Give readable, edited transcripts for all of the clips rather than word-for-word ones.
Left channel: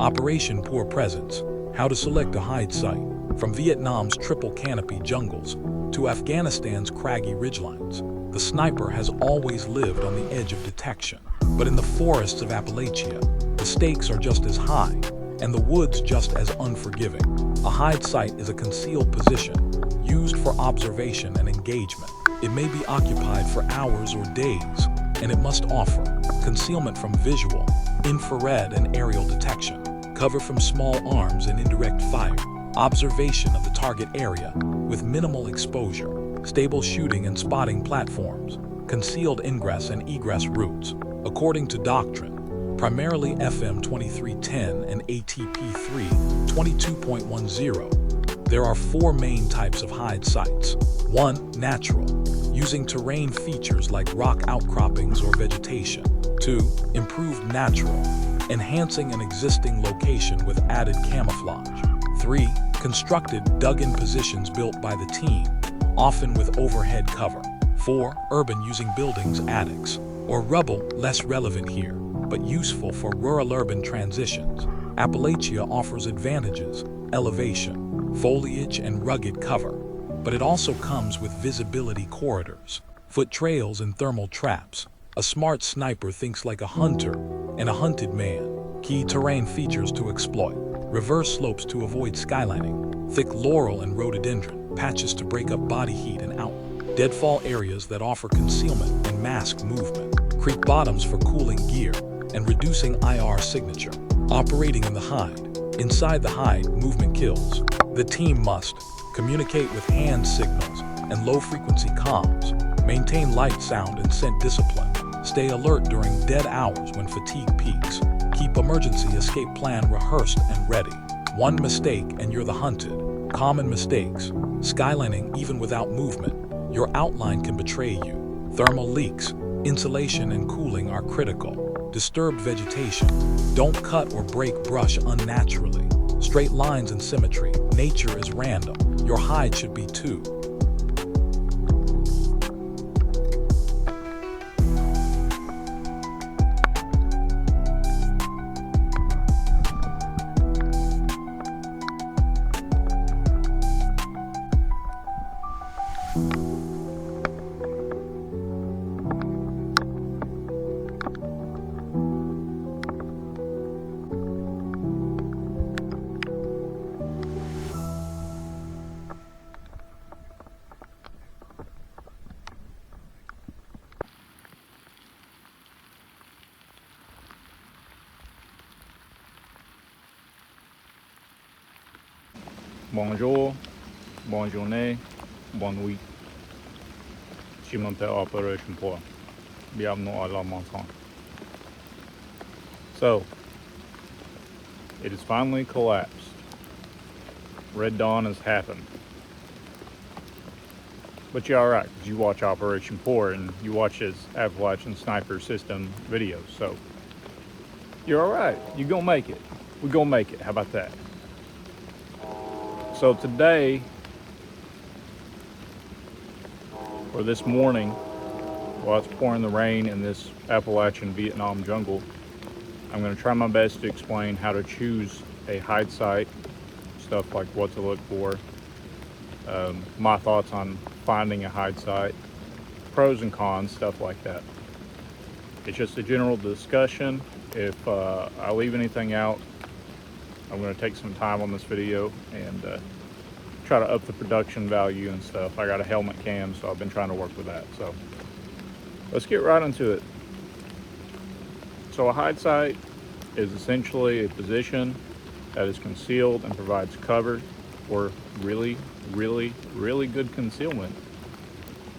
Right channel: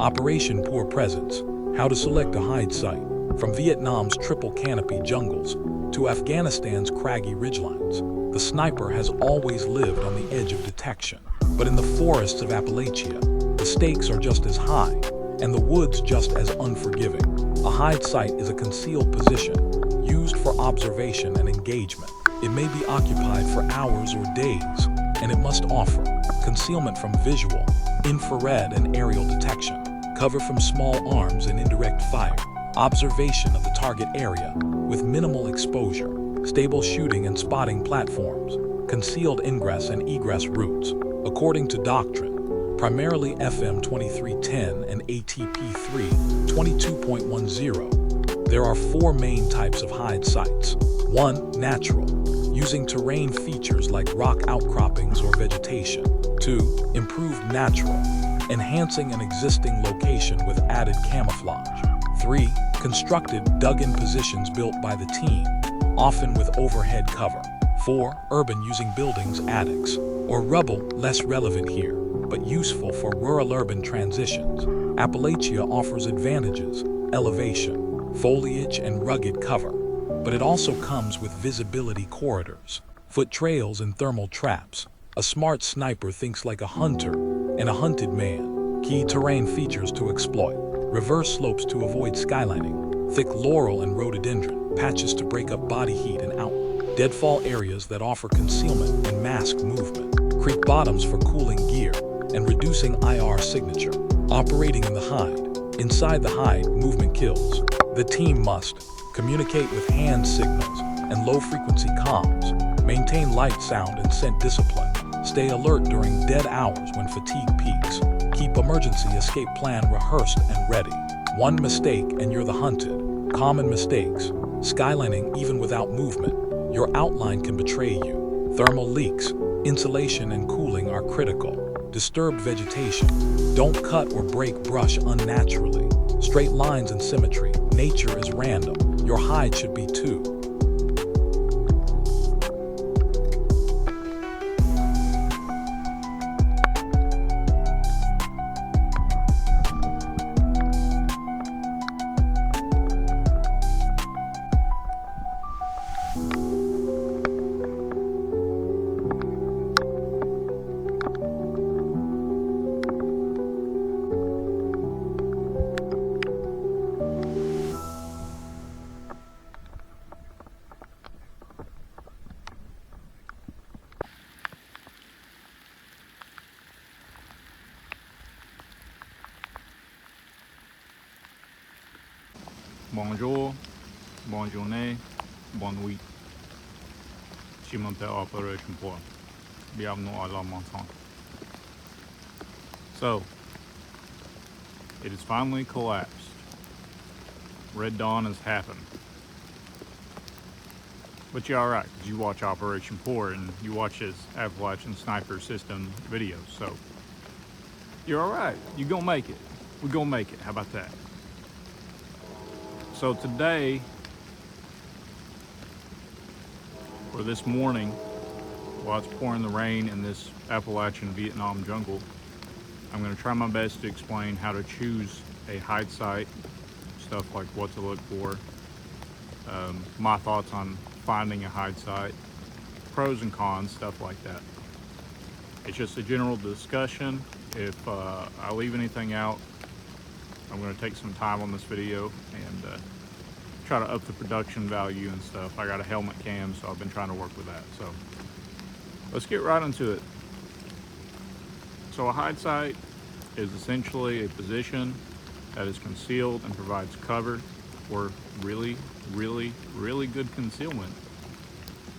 Operation Poor Presence, how to select a hide site. From Vietnam's triple canopy jungles to Afghanistan's craggy ridgelines, the sniper has always lived on the edge of detection. But in the forests of Appalachia, the stakes are just as high, and the woods just as unforgiving. A hide site is a concealed position, used for observation and engagement. It may be occupied for hours or days, and it must offer concealment from visual, infrared, and aerial detection, cover from small arms and indirect fire, observation of the target area with minimal exposure, stable shooting and spotting platforms, concealed ingress and egress routes. According to doctrine, primarily FM 2310 and ATP 3 22.10, there are four main types of hide sites. 1. Natural, using terrain features like rock outcroppings or vegetation. 2. Improved natural, enhancing an existing location with added camouflage. 3. Constructed, dug-in positions built by the team, often with overhead cover. 4. Urban, using buildings, attics, or rubble, less relevant here, but useful for rural-urban transitions. Appalachia offers advantages: elevation, foliage, and rugged cover, but it also comes with visibility corridors, foot trails, and thermal traps. A smart sniper thinks like a hunter and a hunted man. Key terrain features to exploit: reverse slopes to avoid skylining, thick laurel and rhododendron, patches to break up body heat and outlook, deadfall areas that offer concealment and mask movement, creek bottoms for cooling gear and reducing IR signature. Operating in the hide. Inside the hide, movement kills. The team must communicate with hand signals and low-frequency comms, maintain light, sound, and scent discipline, stay alert during dead hours when fatigue peaks, keep emergency escape plan rehearsed and ready. One mistake and you're the hunted. Common mistakes: skylining even without movement. Your outline can betray you. Thermal leaks, insulation and cooling are critical. Disturbed vegetation, don't cut or break brush unnaturally. Straight lines and symmetry, nature is random. Your hide should be too. Bonjour, bonne journée, bonne nuit. Je m'appelle Appalachian Poor. Bienvenue à la montagne. So, it has finally collapsed. Red Dawn has happened. But you're alright, because you watch Operation Poor and you watch his Appalachian Sniper System videos, so you're alright. You're gonna make it. We're gonna make it. How about that? So today, or this morning, while it's pouring the rain in this Appalachian Vietnam jungle, I'm going to try my best to explain how to choose a hide site, stuff like what to look for, my thoughts on finding a hide site, pros and cons, stuff like that. It's just a general discussion. If I leave anything out, I'm going to take some time on this video and try to up the production value and stuff. I got a helmet cam, so I've been trying to work with that. So let's get right into it. So a hide site is essentially a position that is concealed and provides cover or really good concealment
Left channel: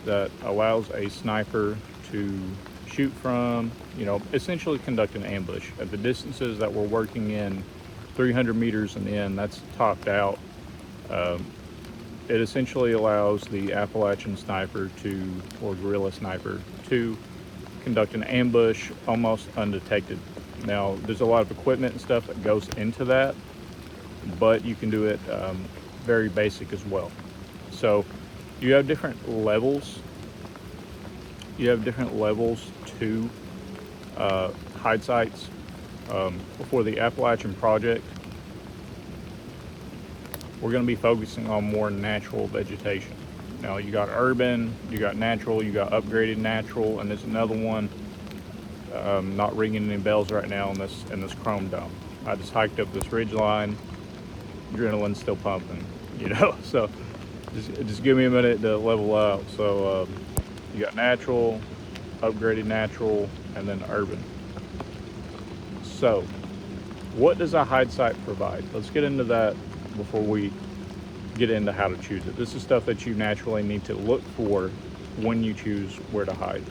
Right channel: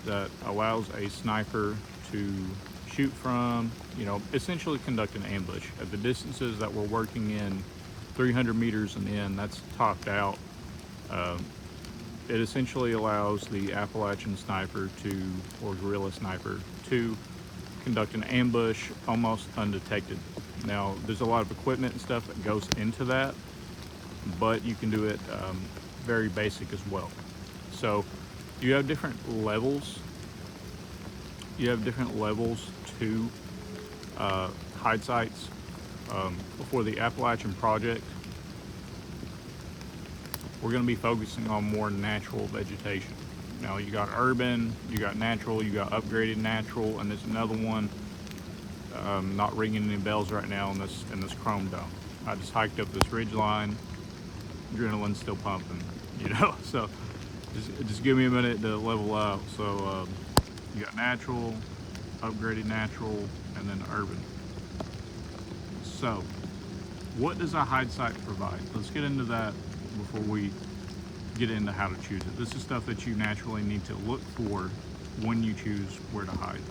that allows a sniper to shoot from, essentially conduct an ambush. At the distances that we're working in, 300 meters and in, that's topped out. It essentially allows the Appalachian sniper or guerrilla sniper to conduct an ambush almost undetected. Now, there's a lot of equipment and stuff that goes into that, but you can do it very basic as well. So you have different levels. You have different levels to hide sites. For the Appalachian project, we're going to be focusing on more natural vegetation. Now you got urban, you got natural, you got upgraded natural, and there's another one not ringing any bells right now in this chrome dome. I just hiked up this ridge line, adrenaline's still pumping, you know. So just give me a minute to level out. So you got natural, upgraded natural, and then urban. So what does a hide site provide? Let's get into that before we get into how to choose it. This is stuff that you naturally need to look for when you choose where to hide.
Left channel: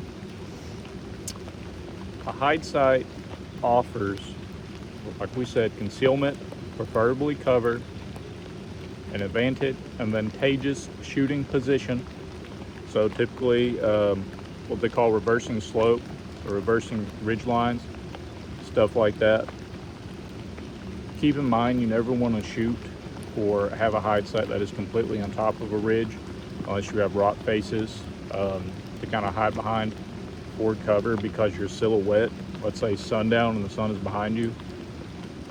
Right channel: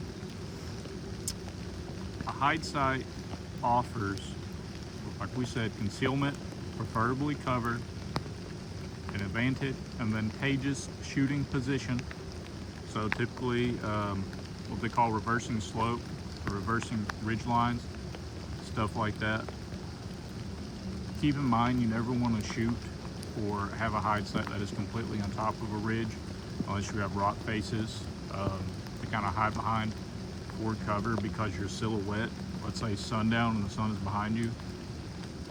A hide site offers, like we said, concealment, preferably cover, an advantageous shooting position. So typically what they call reversing slope or reversing ridge lines, stuff like that. Keep in mind, you never want to shoot or have a hide site that is completely on top of a ridge unless you have rock faces to kind of hide behind for cover, because your silhouette, let's say sundown and the sun is behind you,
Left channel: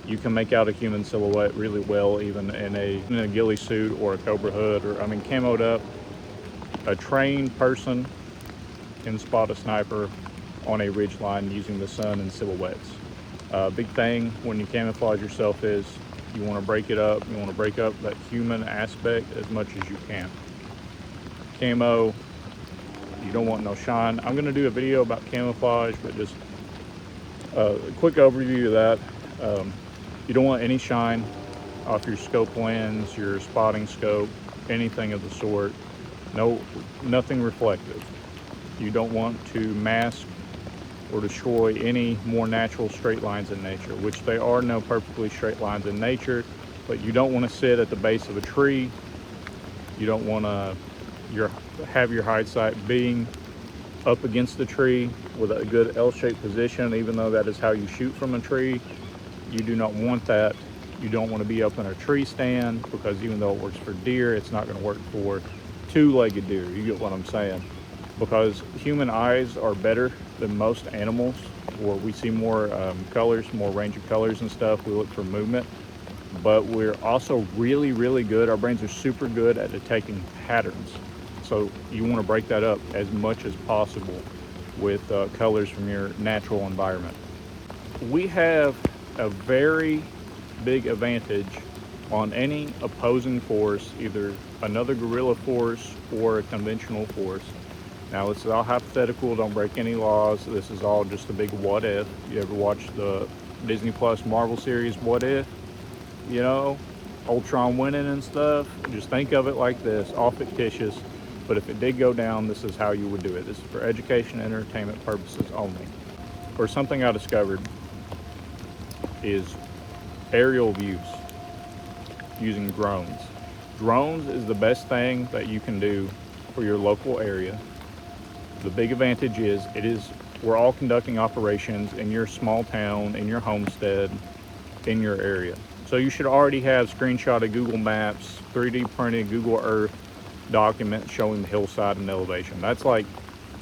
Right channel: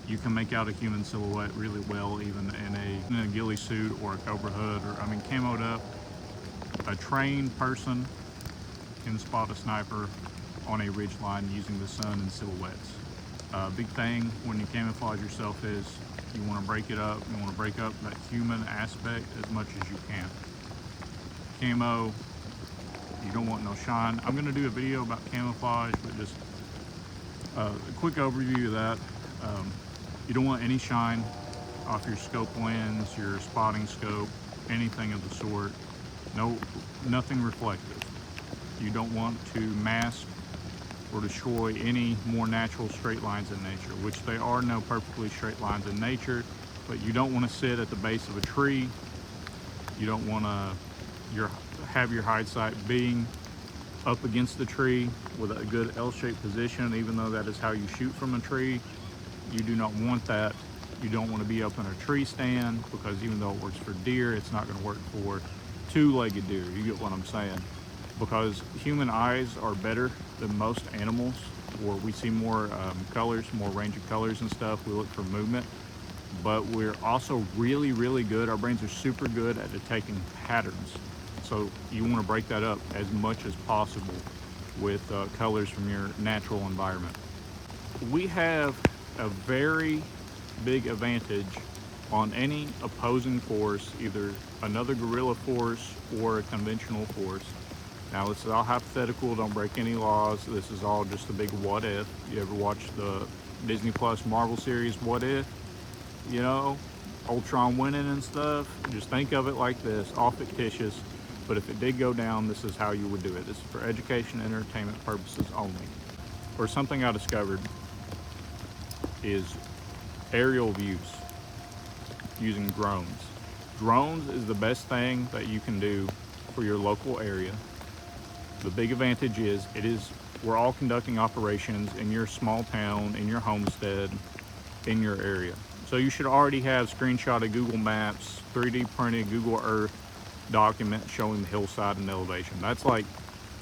you can make out a human silhouette really well even in a ghillie suit or a cobra hood, or I mean camoed up. A trained person can spot a sniper on a ridge line using the sun and silhouettes. Big thing when you camouflage yourself is you want to break it up. You want to break up that human aspect as much as you can. Camo, you don't want no shine. I'm going to do a video about camouflage, but just a quick overview of that. You don't want any shine off your scope lens, your spotting scope, anything of the sort. Nothing reflective. You don't want to mask or destroy any more natural straight lines in nature, which there are no perfectly straight lines in nature, but you don't want to sit at the base of a tree. You don't want to have your hide site being up against the tree with a good L-shaped position, even though that is how you shoot from a tree. You do not want that. You don't want to be up in a tree stand, because even though it works for deer, it's not going to work for two-legged deer. You get what I'm saying? Because human eyes are better than most animals, or we see more colors, more range of colors and stuff. We look for movement, but we're also really, really good. Our brains are super good at detecting patterns. So you want to break that up as much as possible with colors from your natural environment. We have a very big advantage on any opposing force, either another guerrilla force or a conventional force. Now, this is all hypothetical, don't break any laws. This is all just a big what if. You ever watch the Disney Plus Marvel series, What If? You know, Ultron winning and stuff. Just think of it like this, all fictitious. But if it did go down, this is how you would do it. This is for education and entertainment purposes only. Or something I discovered is aerial views using drones. Drones is the best thing that you can do for your local area. The big advantage is we're all conducting operations in your small town, in your homestead, in your area. So you should already have screenshotted Google Maps, 3D printed Google Earth document showing the hillside and elevation. That's like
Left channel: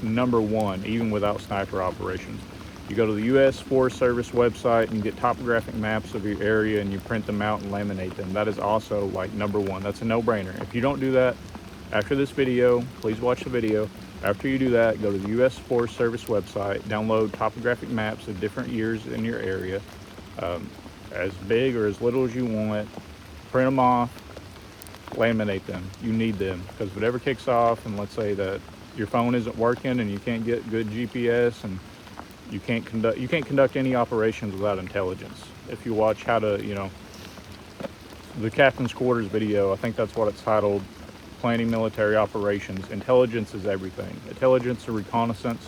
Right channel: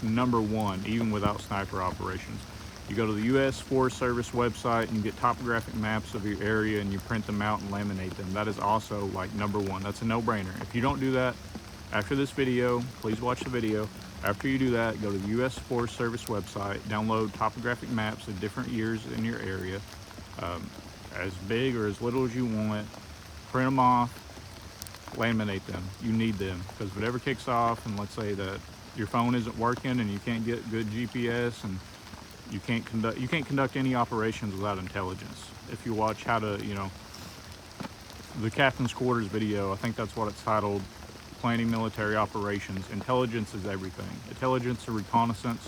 number one, even without sniper operations. You go to the U.S. Forest Service website and you get topographic maps of your area and you print them out and laminate them. That is also like number one. That's a no-brainer. If you don't do that, after this video, please watch the video. After you do that, go to the U.S. Forest Service website, download topographic maps of different years in your area, as big or as little as you want, print them off, laminate them. You need them, because whatever kicks off, and let's say that your phone isn't working and you can't get good GPS and you can't conduct any operations without intelligence. If you watch how to, the Captain's Quarters video, I think that's what it's titled, Planning Military Operations. Intelligence is everything. Intelligence and reconnaissance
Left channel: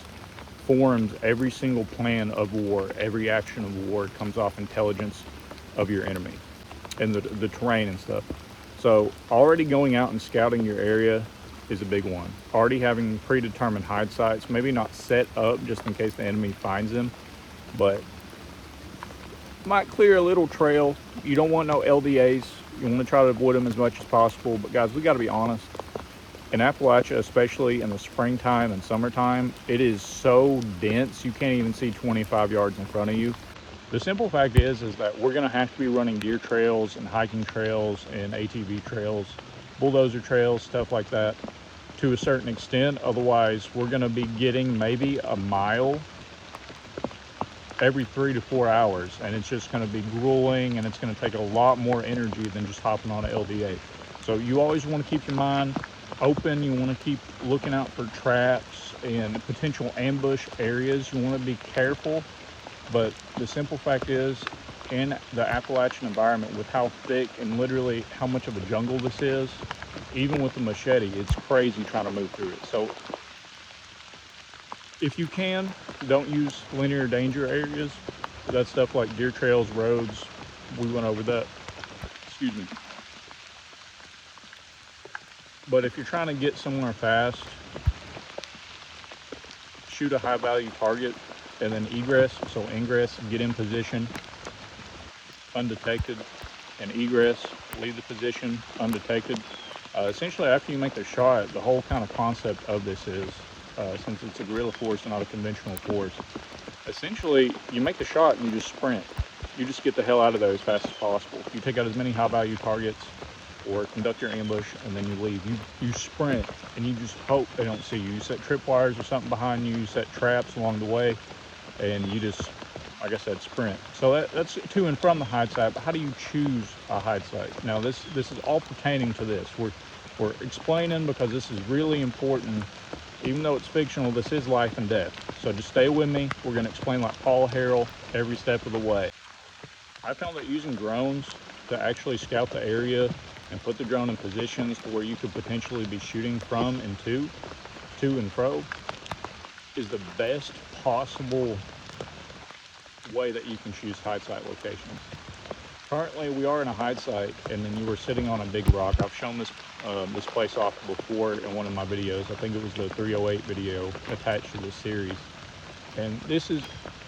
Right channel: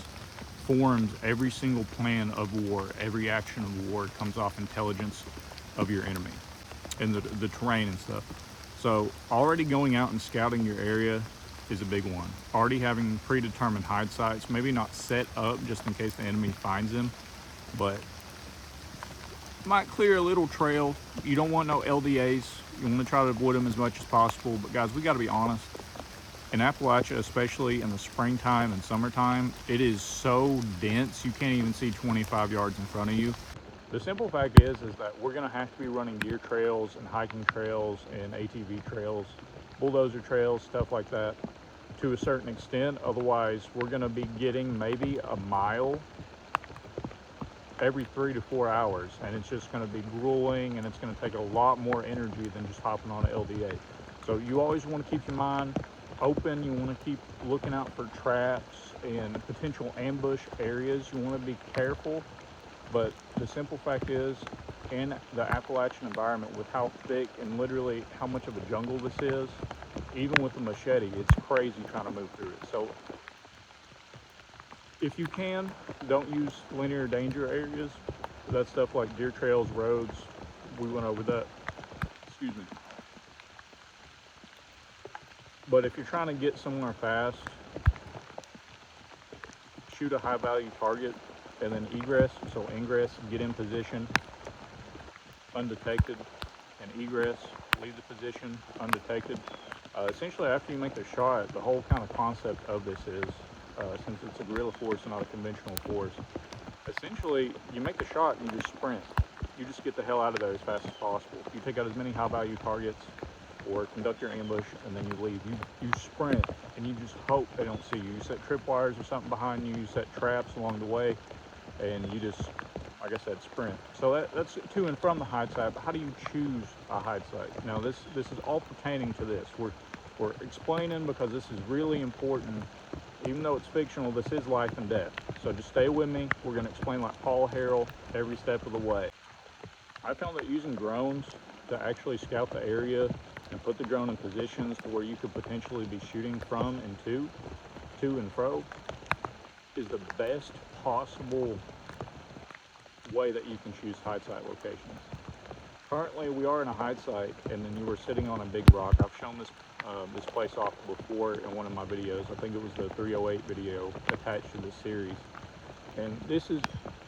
forms every single plan of war. Every action of war comes off intelligence of your enemy and the terrain and stuff. So already going out and scouting your area is a big one. Already having predetermined hide sites, maybe not set up just in case the enemy finds them, but might clear a little trail. You don't want no LDAs. You want to try to avoid them as much as possible. But guys, we got to be honest. In Appalachia, especially in the springtime and summertime, it is so dense you can't even see 25 yards in front of you. The simple fact is that we're going to have to be running deer trails and hiking trails and ATV trails, bulldozer trails, stuff like that to a certain extent. Otherwise, we're going to be getting maybe a mile every 3 to 4 hours, and it's just going to be grueling, and it's going to take a lot more energy than just hopping on an LDA. So you always want to keep your mind open. You want to keep looking out for traps and potential ambush areas. You want to be careful. But the simple fact is, in the Appalachian environment, with how thick and literally how much of a jungle this is, even with the machete, it's crazy trying to move through it. So if you can, don't use linear danger areas. That's stuff like deer trails, roads. We went over that. Excuse me. But if you're trying to get somewhere fast, shoot a high value target, and then egress, so ingress, get in position undetected, and egress, leave the position undetected. Essentially, after you make the shot, the whole kind of concept of this is, since it's a guerrilla force and not a conventional force, essentially you make the shot and you just sprint. You just get the hell out of there as fast as possible. You take out as many high value targets or conduct your ambush, and then you leave. You sprint, and you just hope they don't see you. You set tripwires or something behind you, you set traps along the way, and you just, like I said, sprint. So that's to and from the hide site. But how do you choose a hide site? Now this is all pertaining to this. We're explaining because this is really important. Even though it's fictional, this is life and death. So just stay with me. We're going to explain like Paul Harrell every step of the way. I found that using drones to actually scout the area and put the drone in positions to where you could potentially be shooting from and to and fro, is the best possible way that you can choose hide site locations. Currently, we are in a hide site, and then you were sitting on a big rock. I've shown this this place off before in one of my videos. I think it was the 308 video attached to this series. And this is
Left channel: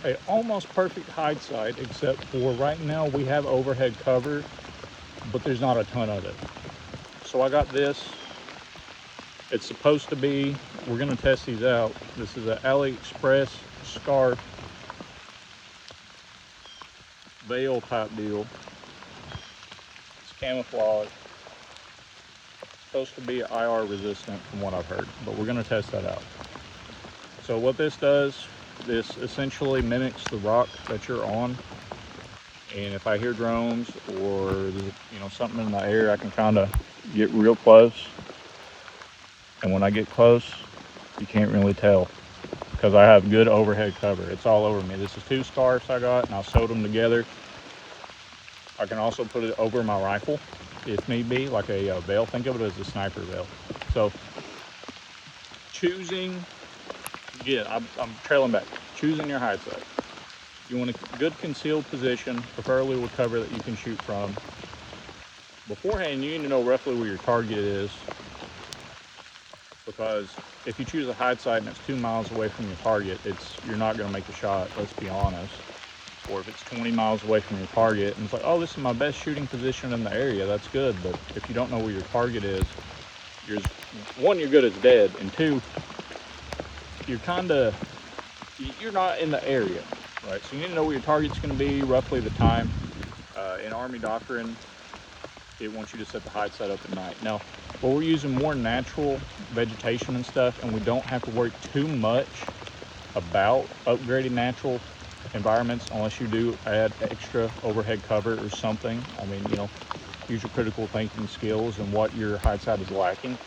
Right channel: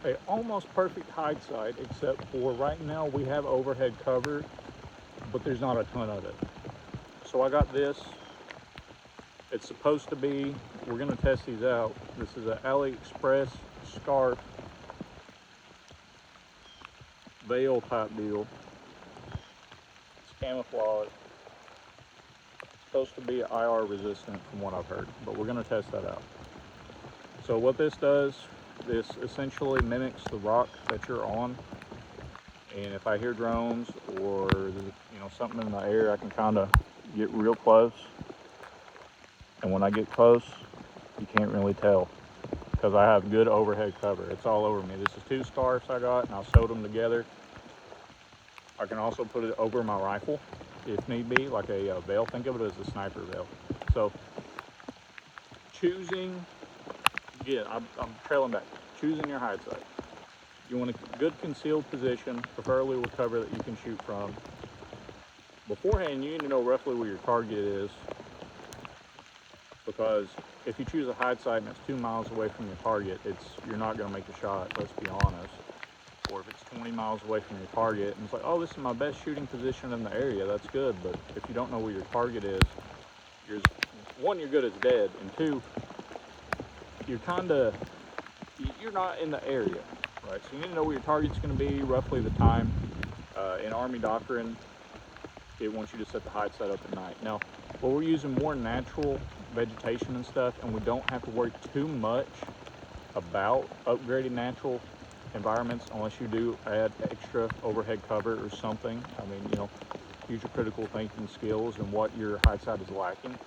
a almost perfect hide site, except for right now we have overhead cover, but there's not a ton of it. So I got this. It's supposed to be, we're gonna test these out. This is an AliExpress scarf veil type deal. It's camouflage. Supposed to be IR resistant from what I've heard, but we're gonna test that out. So what this does, this essentially mimics the rock that you're on. And if I hear drones or something in the air, I can kind of get real close. And when I get close, you can't really tell because I have good overhead cover. It's all over me. This is 2 scarves I got, and I sewed them together. I can also put it over my rifle if need be, like a veil. Think of it as a sniper veil. So choosing, again, I'm trailing back. Choosing your hide site. You want a good concealed position, preferably with cover that you can shoot from. Beforehand, you need to know roughly where your target is, because if you choose a hide site and it's 2 miles away from your target, you're not going to make the shot, let's be honest. Or if it's 20 miles away from your target and it's like, oh, this is my best shooting position in the area, that's good. But if you don't know where your target is, one, you're good as dead, and 2, you're not in the area, right? So you need to know where your target's going to be, roughly the time. In Army doctrine, it wants you to set the hide site up at night. Now, well, we're using more natural vegetation and stuff, and we don't have to worry too much about upgrading natural environments unless you do add extra overhead cover or something. I mean, use your critical thinking skills and what your hide site is lacking.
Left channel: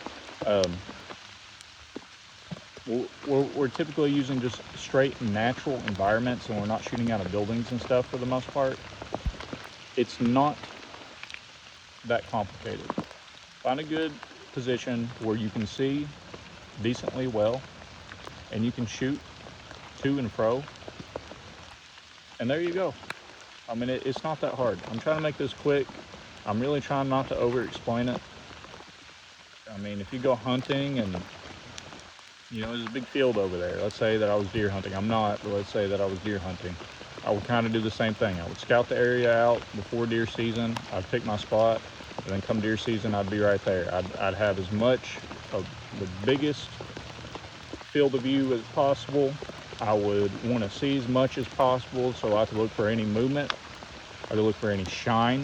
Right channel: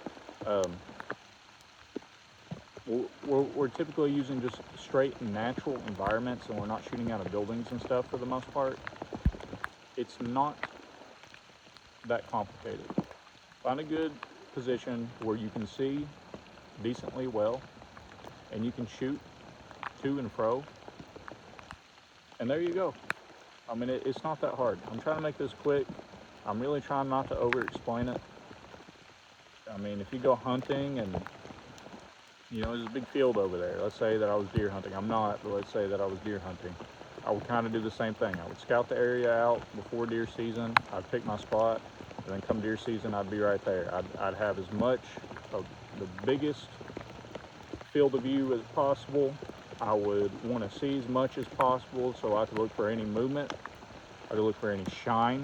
We're typically using just straight natural environments, and we're not shooting out of buildings and stuff for the most part. It's not that complicated. Find a good position where you can see decently well and you can shoot to and fro, and there you go. I mean, it's not that hard. I'm trying to make this quick. I'm really trying not to over explain it. I mean, if you go hunting and there's a big field over there. Let's say that I was deer hunting. I'm not, but let's say that I was deer hunting. I would kind of do the same thing. I would scout the area out before deer season. I'd pick my spot, and then come deer season, I'd be right there. I'd have as much of the biggest field of view as possible, I would want to see as much as possible, so I have to look for any movement. I have to look for any shine.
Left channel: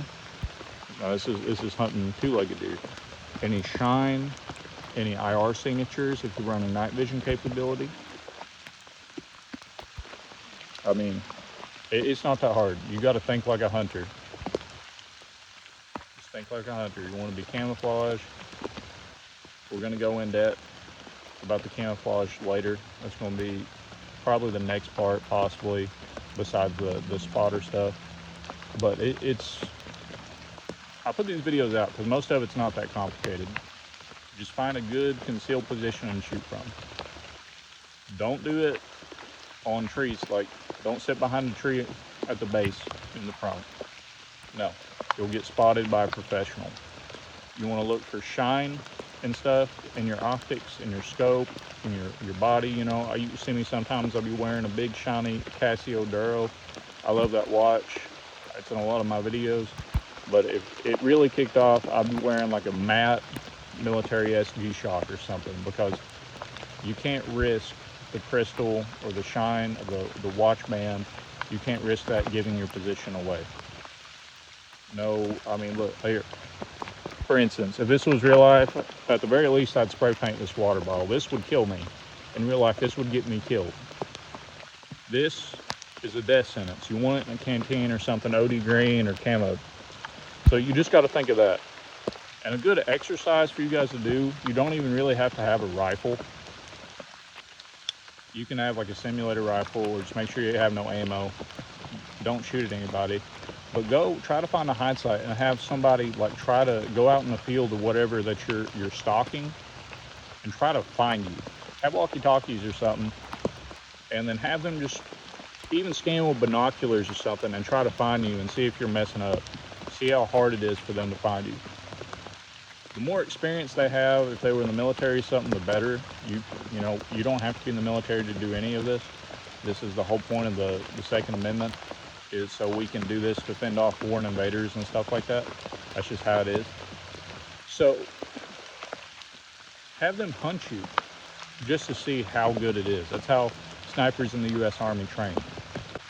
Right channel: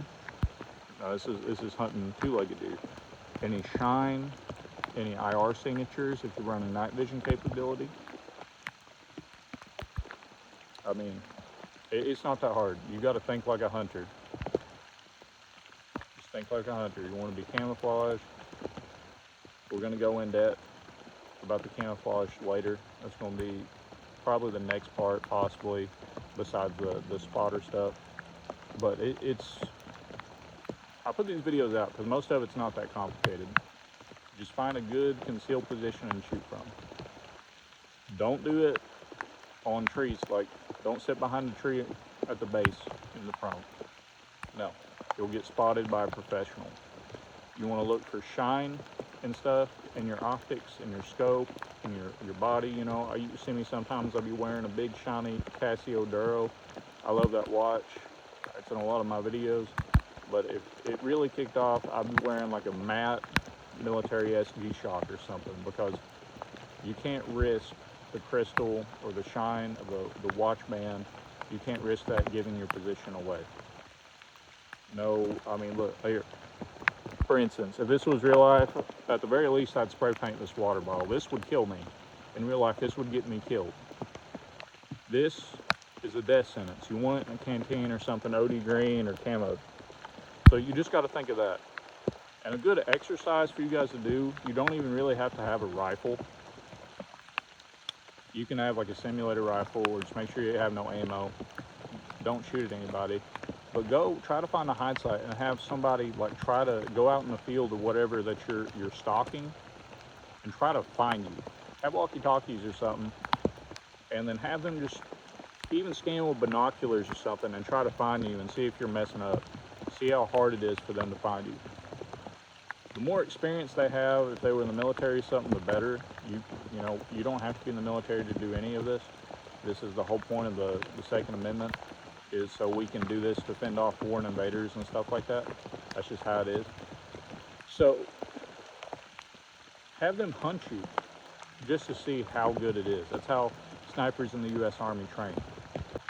Now this is hunting two-legged deer. Any shine, any IR signatures if you run a night vision capability. I mean, it's not that hard. You got to think like a hunter. Just think like a hunter. You want to be camouflage. We're going to go in depth about the camouflage later. That's going to be probably the next part, possibly, besides the spotter stuff. But I put these videos out because most of it's not that complicated. Just find a good concealed position and shoot from. Don't do it on trees. Like, don't sit behind the tree at the base in the front. No, you'll get spotted by a professional. You want to look for shine and stuff in your optics, in your scope, in your body. You know, you see me sometimes, I'll be wearing a big shiny Casio Duro. I love that watch. It's in a lot of my videos. But if it really kicked off, I'd be wearing like a matte military SG shock or something, because you can't risk the crystal or the shine of the watch band. You can't risk that giving your position away. No, I mean, look here. For instance, if this was real life, at the very least, I'd spray paint this water bottle. This would kill me. In real life, this would get me killed. This is a death sentence. You want it in a canteen or something, OD green or camo. So you just got to think of that. And a good exercise for you guys to do, you don't even really have to have a rifle. You can have like a simulator rifle, or just make sure you have no ammo. Don't shoot at anybody. But go try to find a hide site and have somebody like try to go out in the field or whatever that you're stalking and try to find you. Have walkie-talkies or something, and then have them just even scan with binoculars or something and try to find you and see if you're messing up. See how hard it is for them to find you. The more experience they have, if they were in the military or something, the better. You know, you don't have to be in the military to do any of this. This is the whole point of the Second Amendment, is so we can do this to fend off foreign invaders and stuff like that. That's just how it is. So have them hunt you just to see how good it is. That's how snipers in the U.S. Army train.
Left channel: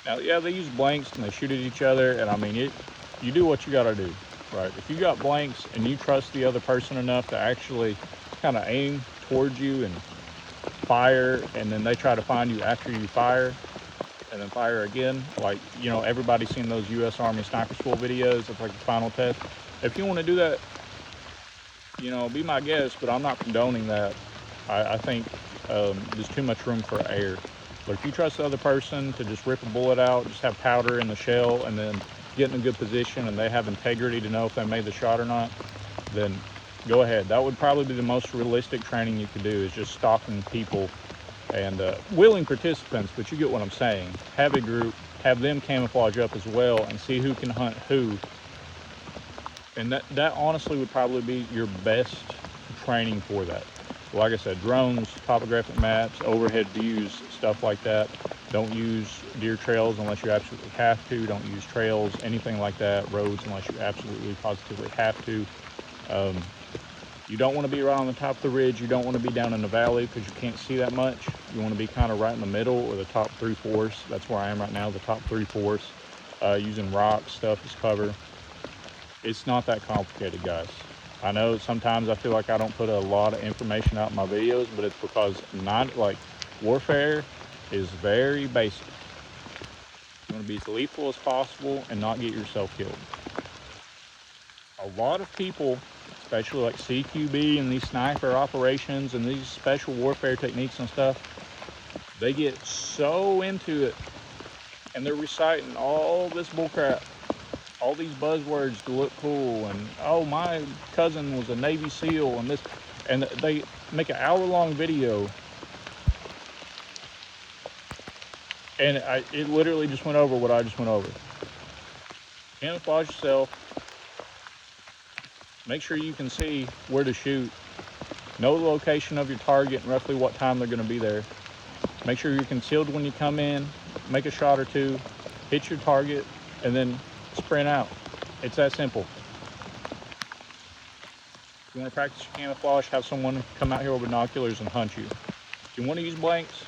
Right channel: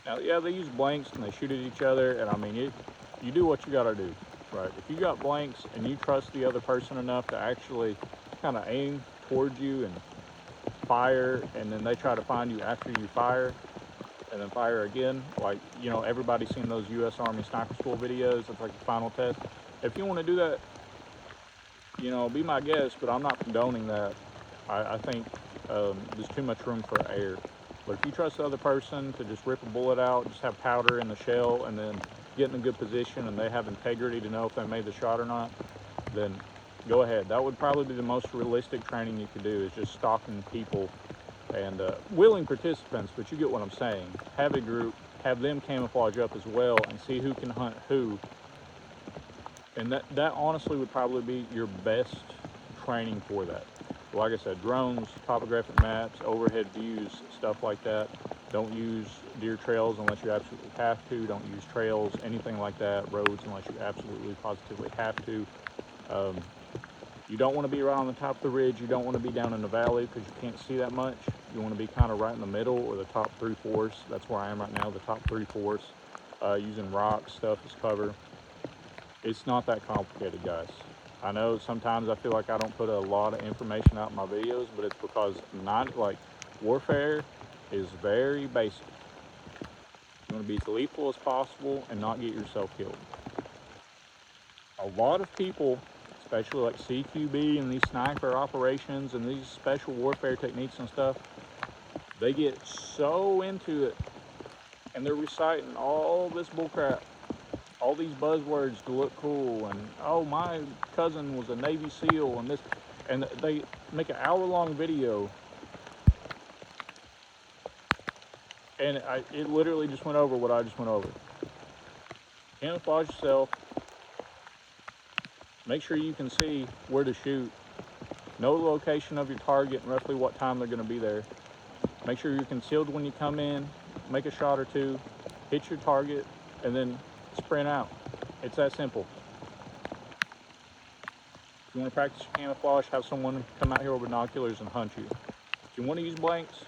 Now, yeah, they use blanks and they shoot at each other, and I mean, you do what you gotta do, right? If you got blanks and you trust the other person enough to actually kind of aim towards you and fire, and then they try to find you after you fire, and then fire again, like, you know, everybody's seen those U.S. Army Sniper School videos. It's like the final test. If you want to do that, you know, be my guest, but I'm not condoning that. I think there's too much room for error. But if you trust the other person to just rip a bullet out, just have powder in the shell, and then get in a good position, and they have integrity to know if they made the shot or not, then go ahead. That would probably be the most realistic training you could do, is just stalking people and willing participants, but you get what I'm saying. Have a group, have them camouflage up as well, and see who can hunt who. And that honestly would probably be your best training for that. Like I said, drones, topographic maps, overhead views, stuff like that. Don't use deer trails unless you absolutely have to. Don't use trails, anything like that, roads, unless you absolutely positively have to. You don't want to be right on the top of the ridge. You don't want to be down in the valley because you can't see that much. You want to be kind of right in the middle, or the top 3/4. That's where I am right now, the top 3/4. Using rocks, stuff as cover. It's not that complicated, guys. I know sometimes I feel like I don't put a lot of information out in my videos, but it's because warfare is very basic. You want to be as lethal as possible and not get yourself killed. A lot of people, especially like CQB and these sniper operations and these special warfare techniques and stuff, they get so into it and they're reciting all this bullcrap, all these buzzwords to look cool, and oh, my cousin was a Navy SEAL and this, and they make an hour-long video, and it literally just went over what I just went over. Camouflage yourself. Make sure you can see where to shoot. Know the location of your target and roughly what time they're going to be there. Make sure you're concealed when you come in. Make a shot or two. Hit your target and then sprint out. It's that simple. If you want to practice your camouflage, have someone come out here with binoculars and hunt you. If you want to use blanks,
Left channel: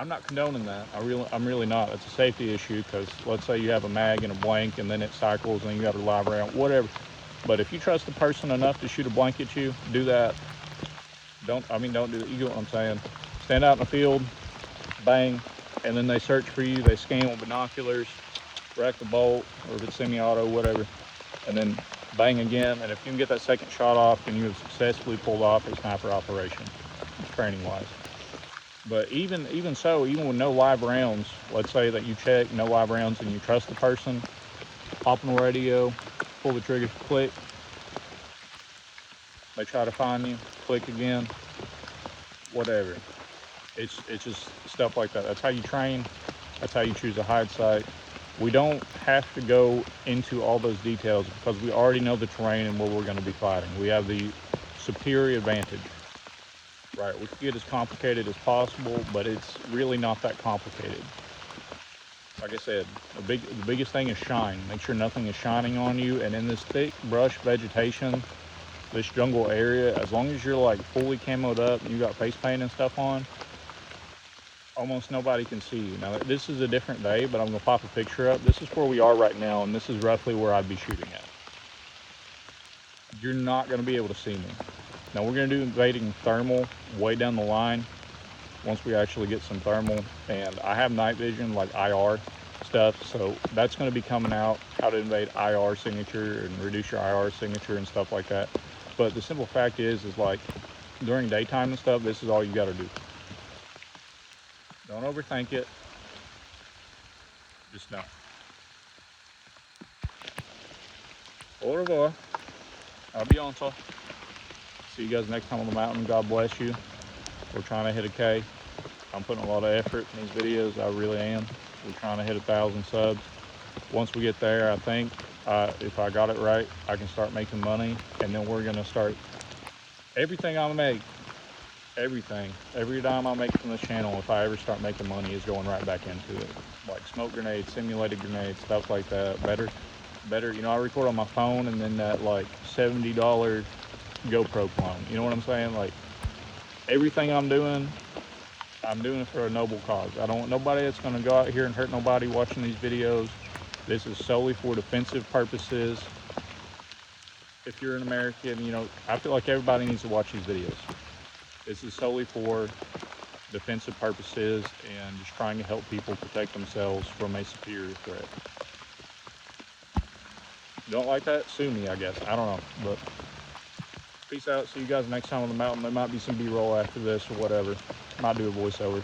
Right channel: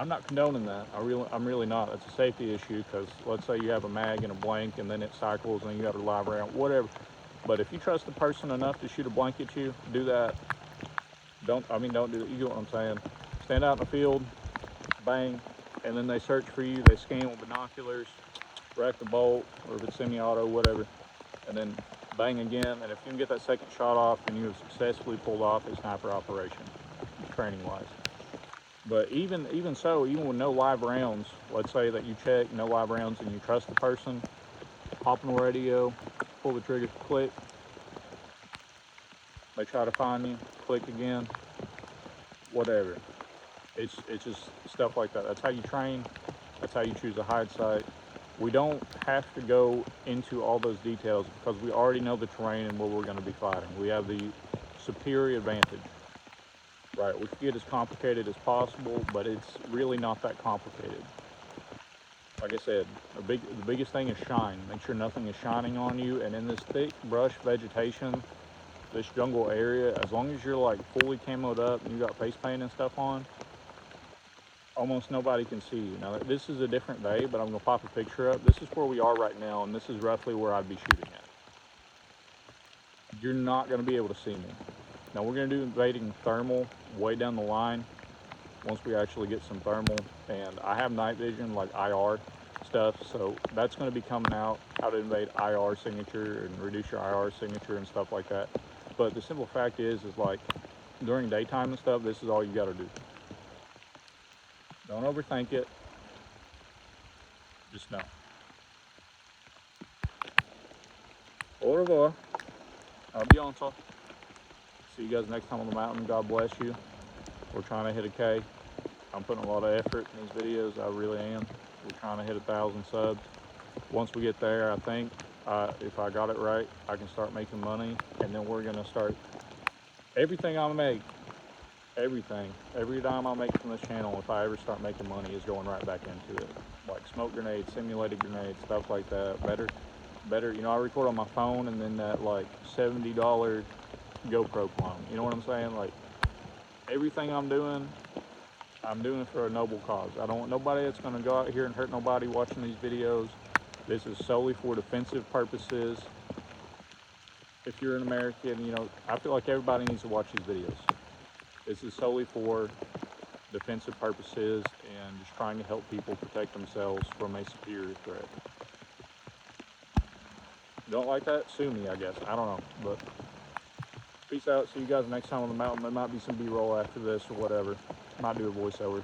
I'm not condoning that. I'm really not. It's a safety issue because let's say you have a mag and a blank and then it cycles and you got a live round, whatever. But if you trust the person enough to shoot a blank at you, do that. Don't do that. You get what I'm saying. Stand out in the field, bang, and then they search for you. They scan with binoculars, rack the bolt, or if it's semi-auto, whatever, and then bang again. And if you can get that second shot off, then you have successfully pulled off a sniper operation, training-wise. But even with no live rounds, let's say that you check no live rounds and you trust the person, hop on the radio, pull the trigger, click. They try to find you, click again, whatever. It's just stuff like that. That's how you train. That's how you choose a hide site. We don't have to go into all those details because we already know the terrain and where we're going to be fighting. We have the superior advantage. Right, we can get as complicated as possible, but it's really not that complicated. Like I said, the biggest thing is shine. Make sure nothing is shining on you. And in this thick brush vegetation, this jungle area, as long as you're like fully camoed up and you got face paint and stuff on, almost nobody can see you. Now this is a different day, but I'm gonna pop a picture up. This is where we are right now, and this is roughly where I'd be shooting at. You're not gonna be able to see me. Now we're gonna do invading thermal way down the line once we actually get some thermal, and I have night vision like IR stuff, so that's gonna be coming out, how to invade IR signature and reduce your IR signature and stuff like that. But the simple fact is like during daytime and stuff, this is all you gotta do. Don't overthink it, just know. Au revoir. Adios. See you guys next time on the mountain. God bless you. We're trying to hit a K. I'm putting a lot of effort in these videos. I really am. We're trying to hit 1,000 subs. Once we get there, I think if I got it right, I can start making money, and then we're gonna start everything I make. Every dime I make from this channel, if I ever start making money, is going right back into it. Like smoke grenades, simulated grenades, stuff like that. Better. You know, I record on my phone, and then that like $70 GoPro clone. You know what I'm saying? Like everything I'm doing it for a noble cause. I don't want nobody that's going to go out here and hurt nobody watching these videos. This is solely for defensive purposes. If you're an American, you know, I feel like everybody needs to watch these videos. This is solely for defensive purposes and just trying to help people protect themselves from a superior threat. You don't like that? Sue me, I guess. I don't know. But peace out. See you guys next time on the mountain. There might be some B-roll after this or whatever. Might do a voiceover.